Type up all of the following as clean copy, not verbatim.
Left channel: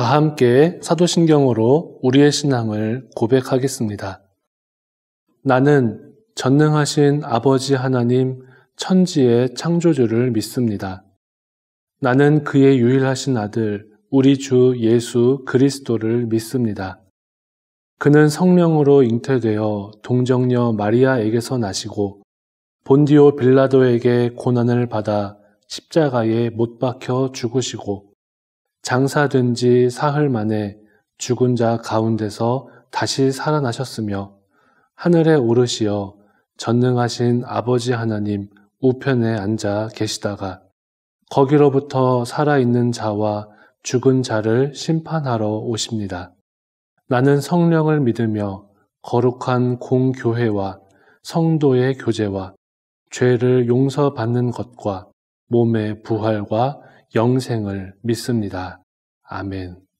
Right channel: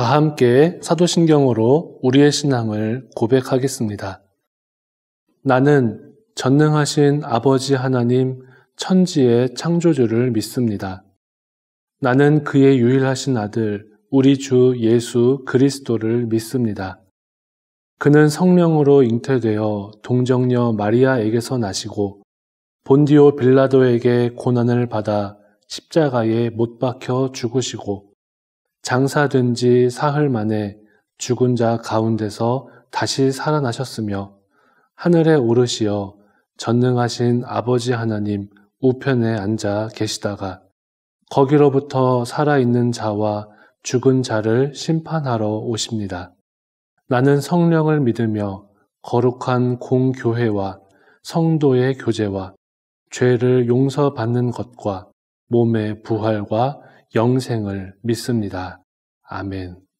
다 함께 사도신경으로 우리의 신앙을 고백하겠습니다. 나는 전능하신 아버지 하나님 천지의 창조주를 믿습니다. 나는 그의 유일하신 아들 우리 주 예수 그리스도를 믿습니다. 그는 성령으로 잉태되어 동정녀 마리아에게서 나시고 본디오 빌라도에게 고난을 받아 십자가에 못 박혀 죽으시고 장사된 지 사흘 만에 죽은 자 가운데서 다시 살아나셨으며 하늘에 오르시어 전능하신 아버지 하나님 우편에 앉아 계시다가 거기로부터 살아있는 자와 죽은 자를 심판하러 오십니다. 나는 성령을 믿으며 거룩한 공교회와 성도의 교제와 죄를 용서받는 것과 몸의 부활과 영생을 믿습니다. 아멘.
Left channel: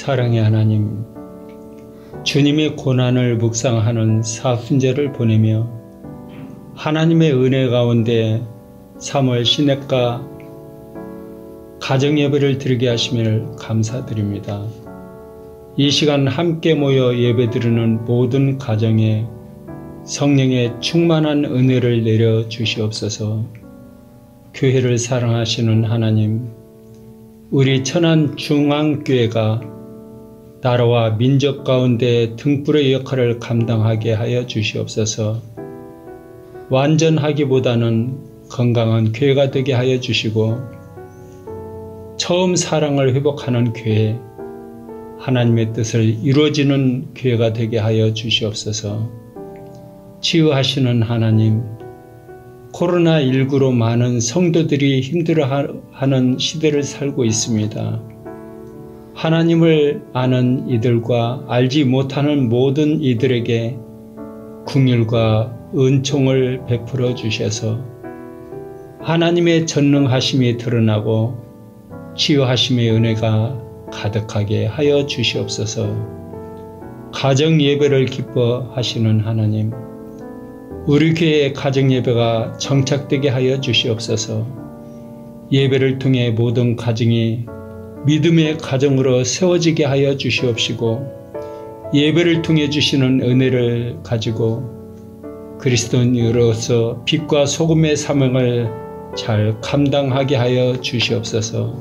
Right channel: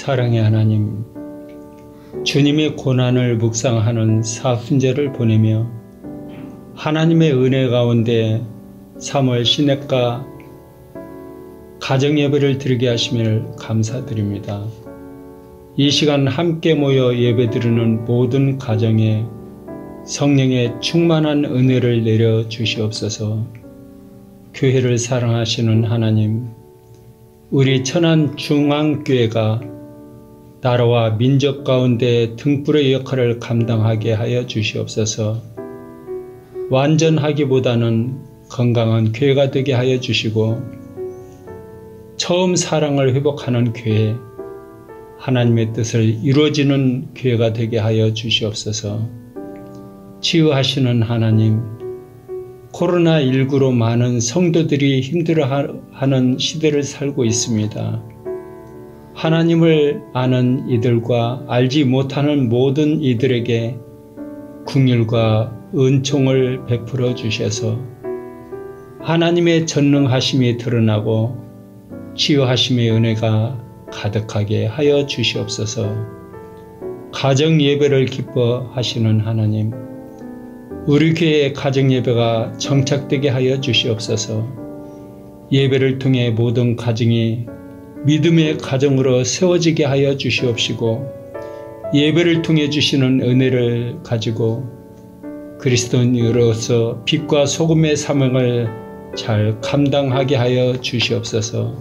사랑의 하나님, 주님의 고난을 묵상하는 사순절을 보내며 하나님의 은혜 가운데 사무엘 시냇가 가정예배를 드리게 하심을 감사드립니다. 이 시간 함께 모여 예배드리는 모든 가정에 성령의 충만한 은혜를 내려 주시옵소서. 교회를 사랑하시는 하나님, 우리 천안중앙교회가 나라와 민족 가운데 등불의 역할을 감당하게 하여 주시옵소서. 완전하기보다는 건강한 교회가 되게 하여 주시고 처음 사랑을 회복하는 교회, 하나님의 뜻을 이루어지는 교회가 되게 하여 주시옵소서. 치유하시는 하나님, 코로나19로 많은 성도들이 힘들어하는 시대를 살고 있습니다. 하나님을 아는 이들과 알지 못하는 모든 이들에게 긍휼과 은총을 베풀어 주셔서 하나님의 전능하심이 드러나고 치유하심의 은혜가 가득하게 하여 주시옵소서. 가정 예배를 기뻐하시는 하나님, 우리 교회의 가정 예배가 정착되게 하여 주시옵소서. 예배를 통해 모든 가정이 믿음의 가정으로 세워지게 하여 주시옵시고, 예배를 통해 주시는 은혜를 가지고 그리스도인으로서 빛과 소금의 사명을 잘 감당하게 하여 주시옵소서.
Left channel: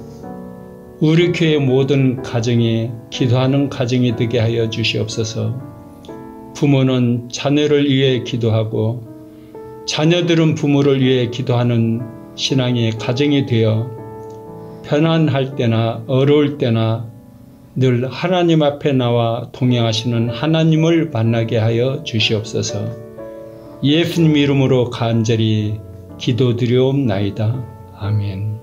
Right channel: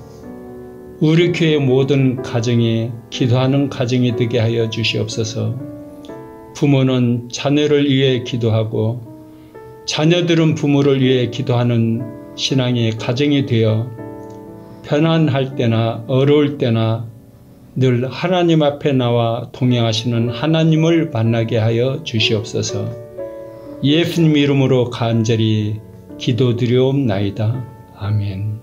우리 교회 모든 가정이 기도하는 가정이 되게 하여 주시옵소서. 부모는 자녀를 위해 기도하고 자녀들은 부모를 위해 기도하는 신앙의 가정이 되어 편안할 때나 어려울 때나 늘 하나님 앞에 나와 동행하시는 하나님을 만나게 하여 주시옵소서. 예수님 이름으로 간절히 기도드리옵나이다. 아멘.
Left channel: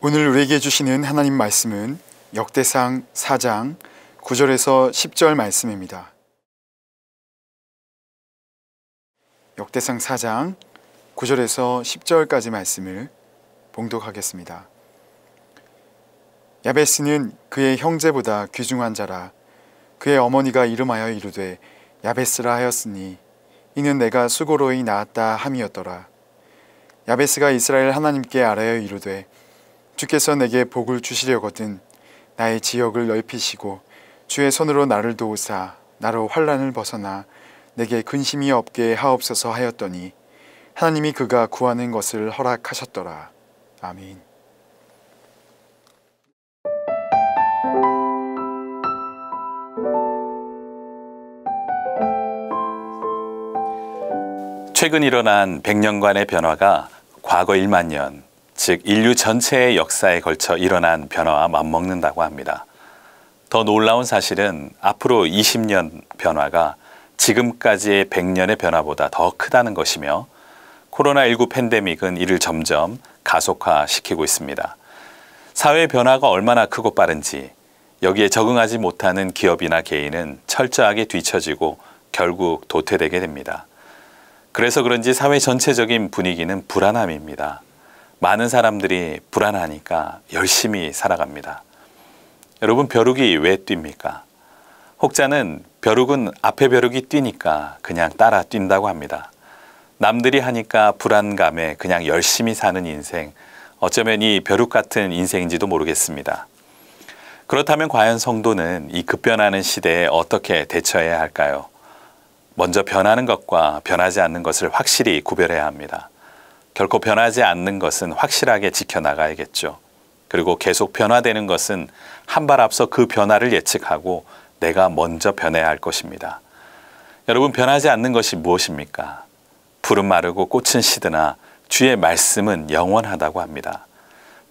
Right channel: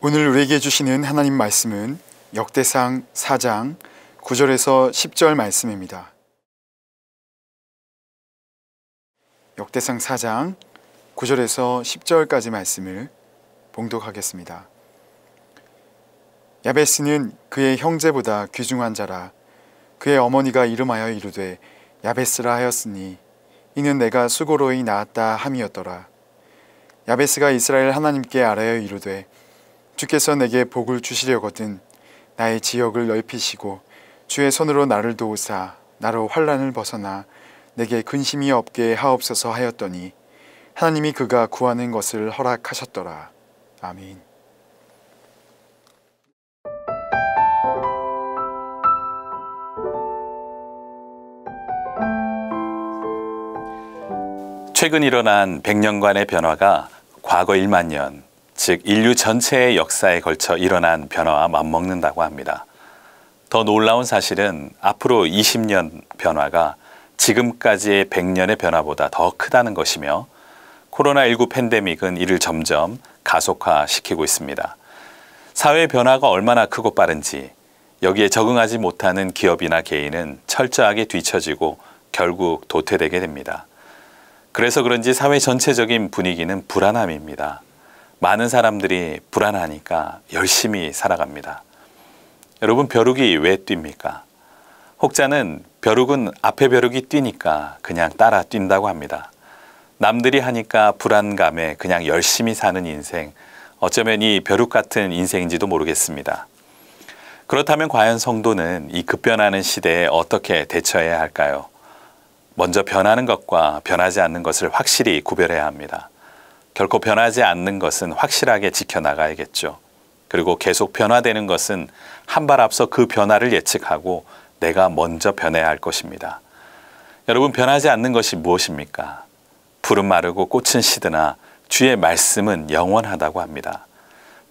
오늘 우리에게 주시는 하나님 말씀은 역대상 4장 9절에서 10절 말씀입니다. 역대상 4장 9절에서 10절까지 말씀을 봉독하겠습니다. 야베스는 그의 형제보다 귀중한 자라. 그의 어머니가 이름하여 이르되 야베스라 하였으니 이는 내가 수고로이 낳았다 함이었더라. 야베스가 이스라엘 하나님께 아뢰어 이르되 주께서 내게 복을 주시려거든 나의 지역을 넓히시고 주의 손으로 나를 도우사 나로 환난을 벗어나 내게 근심이 없게 하옵소서 하였더니 하나님이 그가 구하는 것을 허락하셨더라. 아멘. 최근 일어난 100년간의 변화가 과거 1만 년, 즉 인류 전체의 역사에 걸쳐 일어난 변화와 맞먹는다고 합니다. 더 놀라운 사실은 앞으로 20년 변화가 지금까지의 100년의 변화보다 더 크다는 것이며 코로나19 팬데믹은 이를 점점 가속화시키고 있습니다. 사회의 변화가 얼마나 크고 빠른지 여기에 적응하지 못하는 기업이나 개인은 철저하게 뒤처지고 결국 도태되게 됩니다. 그래서 그런지 사회 전체적인 분위기는 불안함입니다. 많은 사람들이 불안하니까 열심히 살아갑니다. 여러분, 벼룩이 왜 뜁니까? 혹자는 벼룩은 앞에 벼룩이 뛰니까 그냥 따라 뛴다고 합니다. 남들이 하니까 불안감에 그냥 열심히 사는 인생, 어쩌면 이 벼룩 같은 인생인지도 모르겠습니다. 그렇다면 과연 성도는 이 급변하는 시대에 어떻게 대처해야 할까요? 먼저 변하는 것과 변하지 않는 것을 확실히 구별해야 합니다. 결코 변하지 않는 것은 확실하게 지켜나가야겠죠. 그리고 계속 변화되는 것은 한 발 앞서 그 변화를 예측하고 내가 먼저 변해야 할 것입니다. 여러분, 변하지 않는 것이 무엇입니까? 풀은 마르고 꽃은 시드나 주의 말씀은 영원하다고 합니다.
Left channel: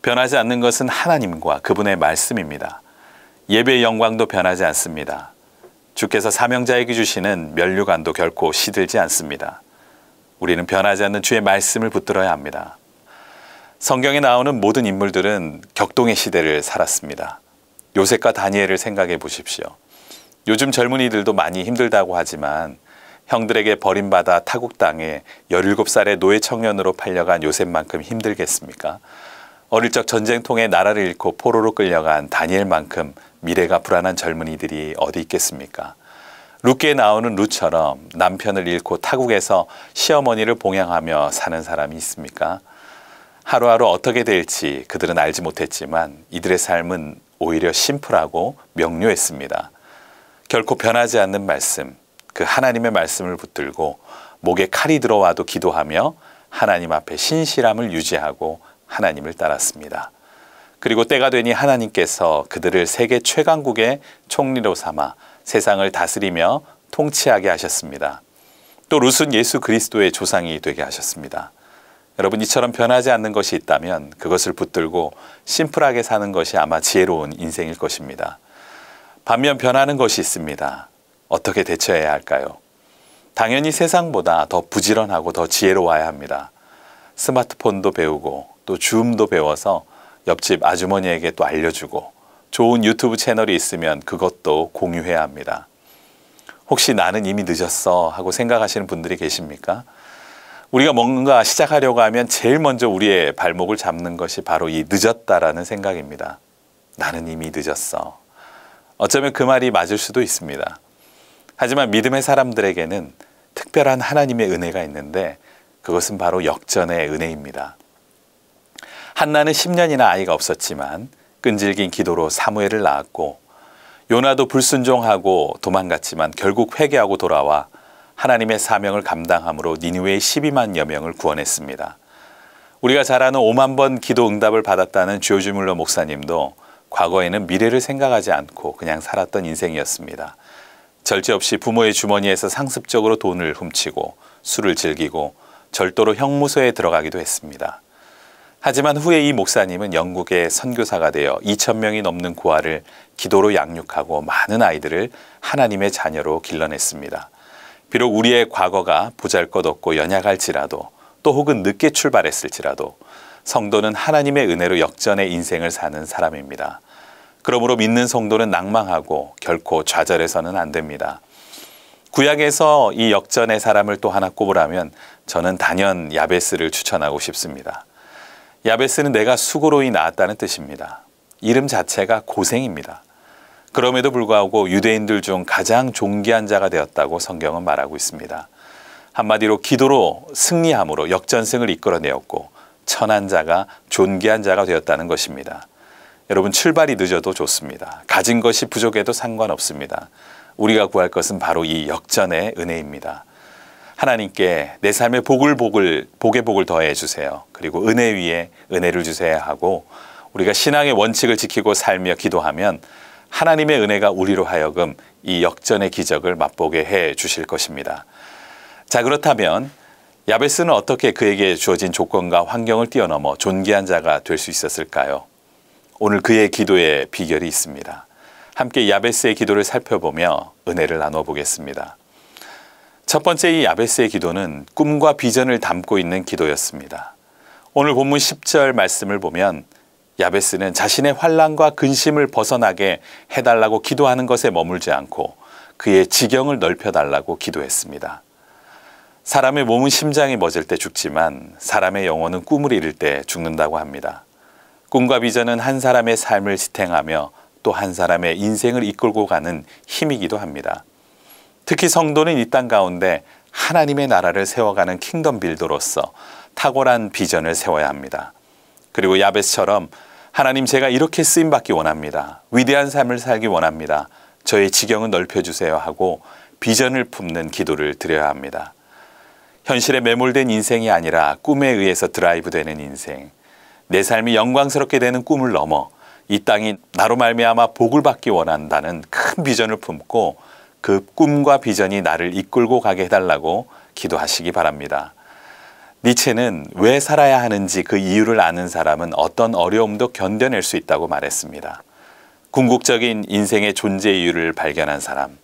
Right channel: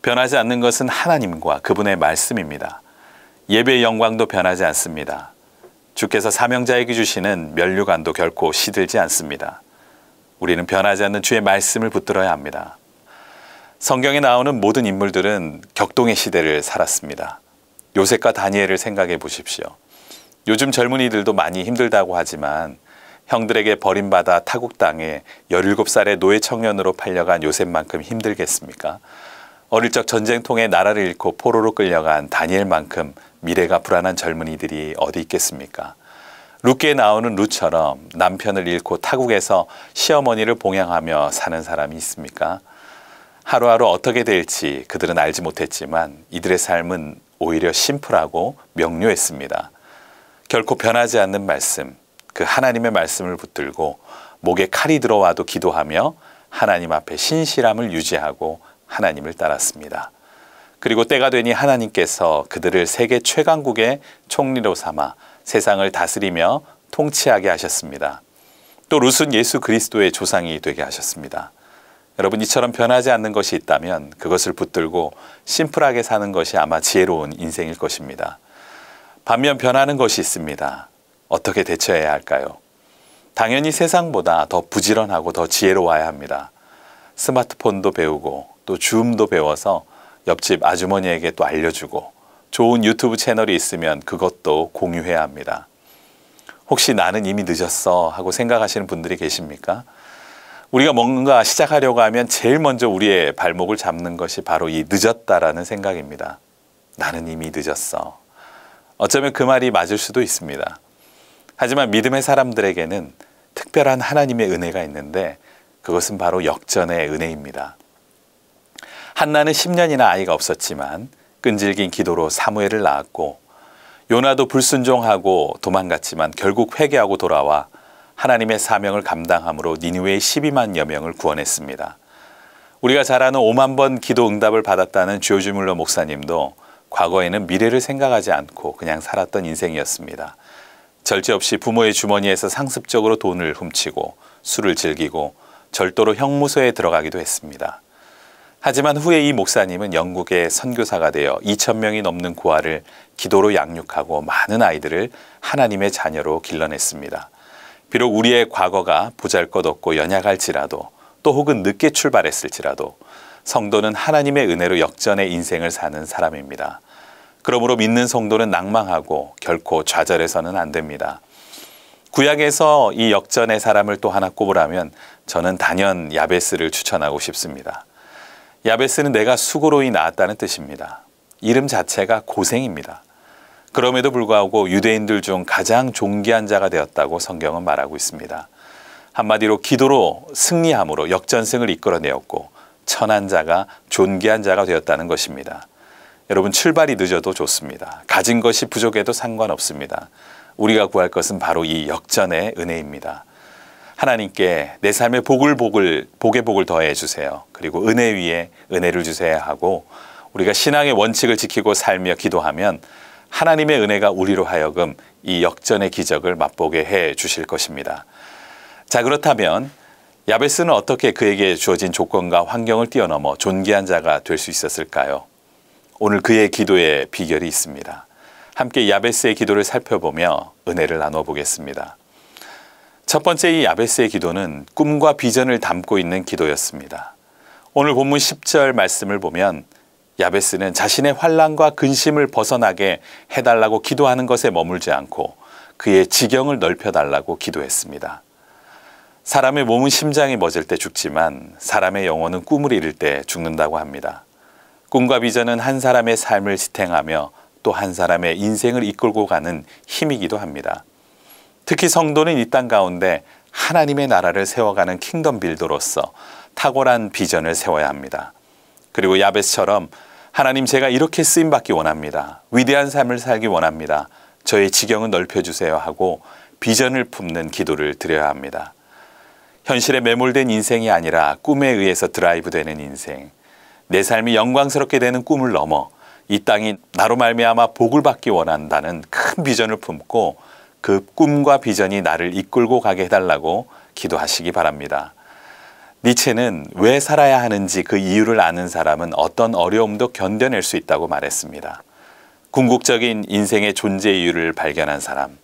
변하지 않는 것은 하나님과 그분의 말씀입니다. 예배의 영광도 변하지 않습니다. 주께서 사명자에게 주시는 면류관도 결코 시들지 않습니다. 우리는 변하지 않는 주의 말씀을 붙들어야 합니다. 성경에 나오는 모든 인물들은 격동의 시대를 살았습니다. 요셉과 다니엘을 생각해 보십시오. 요즘 젊은이들도 많이 힘들다고 하지만 형들에게 버림받아 타국 땅에 17살의 노예 청년으로 팔려간 요셉만큼 힘들겠습니까? 어릴 적 전쟁통에 나라를 잃고 포로로 끌려간 다니엘만큼 미래가 불안한 젊은이들이 어디 있겠습니까? 룻기에 나오는 룻처럼 남편을 잃고 타국에서 시어머니를 봉양하며 사는 사람이 있습니까? 하루하루 어떻게 될지 그들은 알지 못했지만 이들의 삶은 오히려 심플하고 명료했습니다. 결코 변하지 않는 말씀, 그 하나님의 말씀을 붙들고 목에 칼이 들어와도 기도하며 하나님 앞에 신실함을 유지하고 하나님을 따랐습니다. 그리고 때가 되니 하나님께서 그들을 세계 최강국의 총리로 삼아 세상을 다스리며 통치하게 하셨습니다. 또 룻은 예수 그리스도의 조상이 되게 하셨습니다. 여러분, 이처럼 변하지 않는 것이 있다면 그것을 붙들고 심플하게 사는 것이 아마 지혜로운 인생일 것입니다. 반면 변하는 것이 있습니다. 어떻게 대처해야 할까요? 당연히 세상보다 더 부지런하고 더 지혜로워야 합니다. 스마트폰도 배우고 또 줌도 배워서 옆집 아주머니에게 또 알려주고 좋은 유튜브 채널이 있으면 그것도 공유해야 합니다. 혹시 나는 이미 늦었어 하고 생각하시는 분들이 계십니까? 우리가 뭔가 시작하려고 하면 제일 먼저 우리의 발목을 잡는 것이 바로 이 늦었다라는 생각입니다. 나는 이미 늦었어. 어쩌면 그 말이 맞을 수도 있습니다. 하지만 믿음의 사람들에게는 특별한 하나님의 은혜가 있는데 그것은 바로 역전의 은혜입니다. 한나는 10년이나 아이가 없었지만 끈질긴 기도로 사무엘을 낳았고 요나도 불순종하고 도망갔지만 결국 회개하고 돌아와 하나님의 사명을 감당함으로 니느웨의 12만여 명을 구원했습니다. 우리가 잘 아는 5만 번 기도 응답을 받았다는 조지 뮬러 목사님도 과거에는 미래를 생각하지 않고 그냥 살았던 인생이었습니다. 절제 없이 부모의 주머니에서 상습적으로 돈을 훔치고 술을 즐기고 절도로 형무소에 들어가기도 했습니다. 하지만 후에 이 목사님은 영국의 선교사가 되어 2,000명이 넘는 고아를 기도로 양육하고 많은 아이들을 하나님의 자녀로 길러냈습니다. 비록 우리의 과거가 보잘것없고 연약할지라도 또 혹은 늦게 출발했을지라도 성도는 하나님의 은혜로 역전의 인생을 사는 사람입니다. 그러므로 믿는 성도는 낭망하고 결코 좌절해서는 안 됩니다. 구약에서 이 역전의 사람을 또 하나 꼽으라면 저는 단연 야베스를 추천하고 싶습니다. 야베스는 내가 수고로이 낳았다는 뜻입니다. 이름 자체가 고생입니다. 그럼에도 불구하고 유대인들 중 가장 존귀한 자가 되었다고 성경은 말하고 있습니다. 한마디로 기도로 승리함으로 역전승을 이끌어내었고 천한 자가 존귀한 자가 되었다는 것입니다. 여러분 출발이 늦어도 좋습니다. 가진 것이 부족해도 상관없습니다. 우리가 구할 것은 바로 이 역전의 은혜입니다. 하나님께 내 삶에 복의 복을 더해 주세요. 그리고 은혜 위에 은혜를 주셔야 하고 우리가 신앙의 원칙을 지키고 살며 기도하면 하나님의 은혜가 우리로 하여금 이 역전의 기적을 맛보게 해 주실 것입니다. 자, 그렇다면 야베스는 어떻게 그에게 주어진 조건과 환경을 뛰어넘어 존귀한 자가 될 수 있었을까요? 오늘 그의 기도에 비결이 있습니다. 함께 야베스의 기도를 살펴보며 은혜를 나눠 보겠습니다. 첫 번째 이 야베스의 기도는 꿈과 비전을 담고 있는 기도였습니다. 오늘 본문 10절 말씀을 보면 야베스는 자신의 환난과 근심을 벗어나게 해달라고 기도하는 것에 머물지 않고 그의 지경을 넓혀달라고 기도했습니다. 사람의 몸은 심장이 멎을 때 죽지만 사람의 영혼은 꿈을 이룰 때 죽는다고 합니다. 꿈과 비전은 한 사람의 삶을 지탱하며 또 한 사람의 인생을 이끌고 가는 힘이기도 합니다. 특히 성도는 이 땅 가운데 하나님의 나라를 세워가는 킹덤 빌더로서 탁월한 비전을 세워야 합니다. 그리고 야베스처럼 하나님 제가 이렇게 쓰임받기 원합니다. 위대한 삶을 살기 원합니다. 저의 지경은 넓혀주세요 하고 비전을 품는 기도를 드려야 합니다. 현실에 매몰된 인생이 아니라 꿈에 의해서 드라이브되는 인생, 내 삶이 영광스럽게 되는 꿈을 넘어 이 땅이 나로 말미암아 복을 받기 원한다는 큰 비전을 품고 그 꿈과 비전이 나를 이끌고 가게 해달라고 기도하시기 바랍니다. 니체는 왜 살아야 하는지 그 이유를 아는 사람은 어떤 어려움도 견뎌낼 수 있다고 말했습니다. 궁극적인 인생의 존재 이유를 발견한 사람,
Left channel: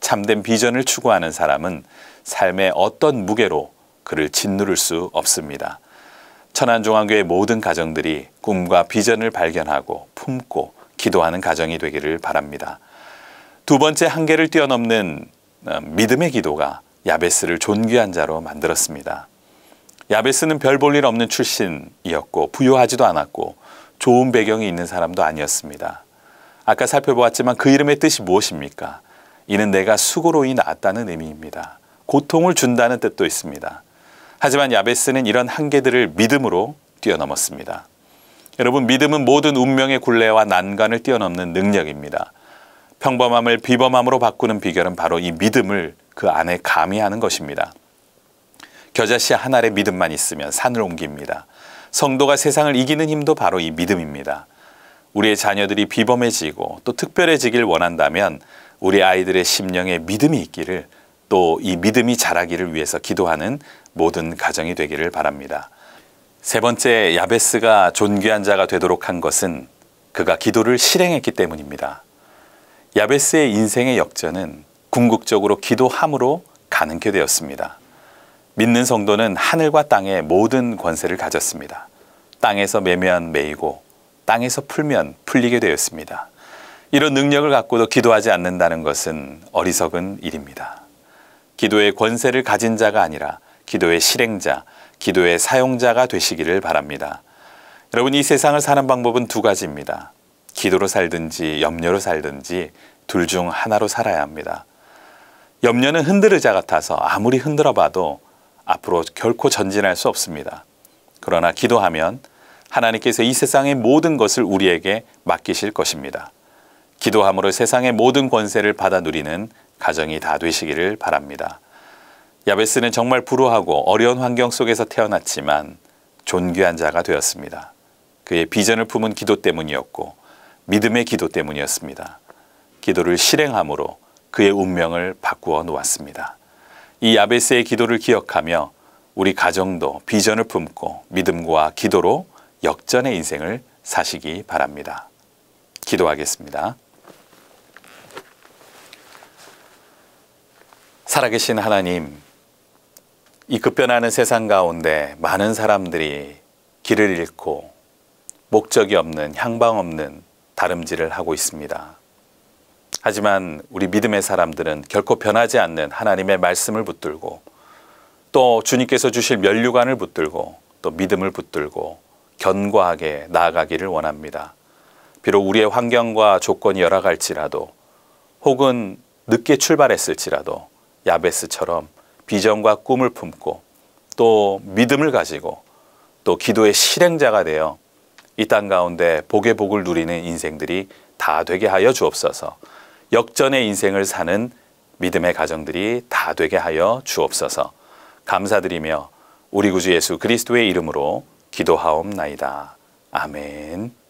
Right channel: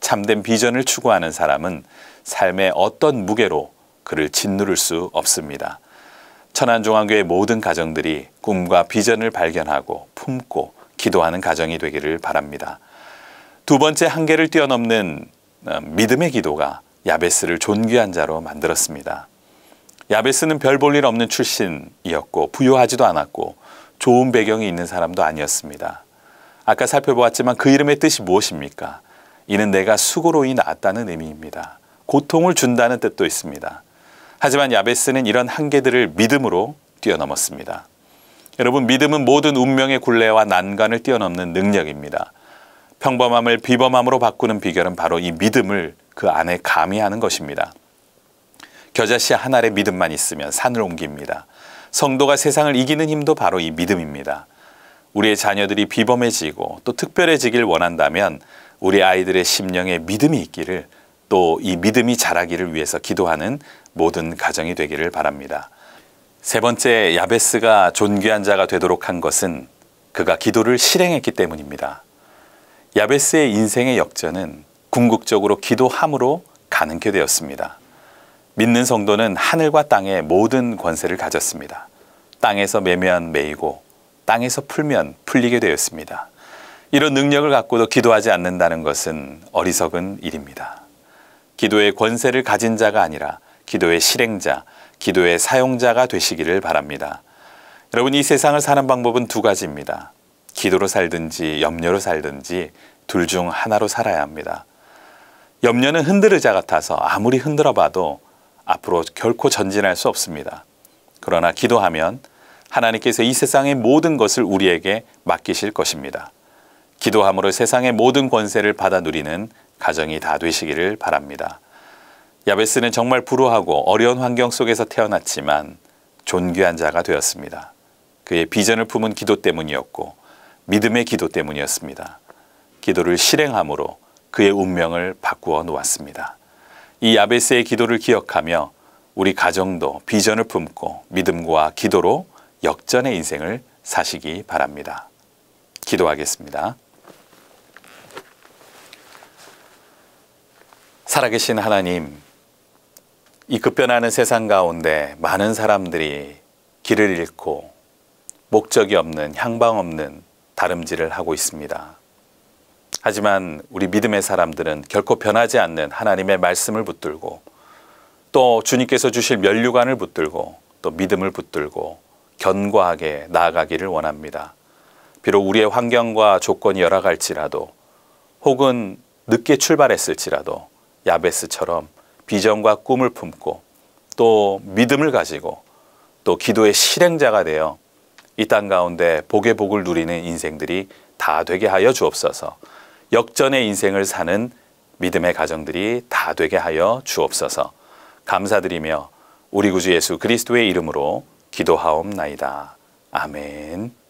참된 비전을 추구하는 사람은 삶의 어떤 무게로 그를 짓누를 수 없습니다. 천안중앙교회 모든 가정들이 꿈과 비전을 발견하고 품고 기도하는 가정이 되기를 바랍니다. 두 번째 한계를 뛰어넘는 믿음의 기도가 야베스를 존귀한 자로 만들었습니다. 야베스는 별 볼 일 없는 출신이었고 부유하지도 않았고 좋은 배경이 있는 사람도 아니었습니다. 아까 살펴보았지만 그 이름의 뜻이 무엇입니까? 이는 내가 수고로이 낳았다는 의미입니다. 고통을 준다는 뜻도 있습니다. 하지만 야베스는 이런 한계들을 믿음으로 뛰어넘었습니다. 여러분, 믿음은 모든 운명의 굴레와 난관을 뛰어넘는 능력입니다. 평범함을 비범함으로 바꾸는 비결은 바로 이 믿음을 그 안에 가미하는 것입니다. 겨자씨 한 알의 믿음만 있으면 산을 옮깁니다. 성도가 세상을 이기는 힘도 바로 이 믿음입니다. 우리의 자녀들이 비범해지고 또 특별해지길 원한다면 우리 아이들의 심령에 믿음이 있기를, 또 이 믿음이 자라기를 위해서 기도하는 모든 가정이 되기를 바랍니다. 세 번째, 야베스가 존귀한 자가 되도록 한 것은 그가 기도를 실행했기 때문입니다. 야베스의 인생의 역전은 궁극적으로 기도함으로 가능케 되었습니다. 믿는 성도는 하늘과 땅의 모든 권세를 가졌습니다. 땅에서 매면 매이고 땅에서 풀면 풀리게 되었습니다. 이런 능력을 갖고도 기도하지 않는다는 것은 어리석은 일입니다. 기도의 권세를 가진 자가 아니라 기도의 실행자, 기도의 사용자가 되시기를 바랍니다. 여러분, 이 세상을 사는 방법은 두 가지입니다. 기도로 살든지 염려로 살든지 둘 중 하나로 살아야 합니다. 염려는 흔들의자 같아서 아무리 흔들어 봐도 앞으로 결코 전진할 수 없습니다. 그러나 기도하면 하나님께서 이 세상의 모든 것을 우리에게 맡기실 것입니다. 기도함으로 세상의 모든 권세를 받아 누리는 가정이 다 되시기를 바랍니다. 야베스는 정말 불우하고 어려운 환경 속에서 태어났지만 존귀한 자가 되었습니다. 그의 비전을 품은 기도 때문이었고 믿음의 기도 때문이었습니다. 기도를 실행함으로 그의 운명을 바꾸어 놓았습니다. 이 야베스의 기도를 기억하며 우리 가정도 비전을 품고 믿음과 기도로 역전의 인생을 사시기 바랍니다. 기도하겠습니다. 살아계신 하나님, 이 급변하는 세상 가운데 많은 사람들이 길을 잃고 목적이 없는, 향방 없는 다름질을 하고 있습니다. 하지만 우리 믿음의 사람들은 결코 변하지 않는 하나님의 말씀을 붙들고 또 주님께서 주실 면류관을 붙들고 또 믿음을 붙들고 견고하게 나아가기를 원합니다. 비록 우리의 환경과 조건이 열악할지라도 혹은 늦게 출발했을지라도 야베스처럼 비전과 꿈을 품고 또 믿음을 가지고 또 기도의 실행자가 되어 이 땅 가운데 복의 복을 누리는 인생들이 다 되게 하여 주옵소서. 역전의 인생을 사는 믿음의 가정들이 다 되게 하여 주옵소서. 감사드리며 우리 구주 예수 그리스도의 이름으로 기도하옵나이다. 아멘.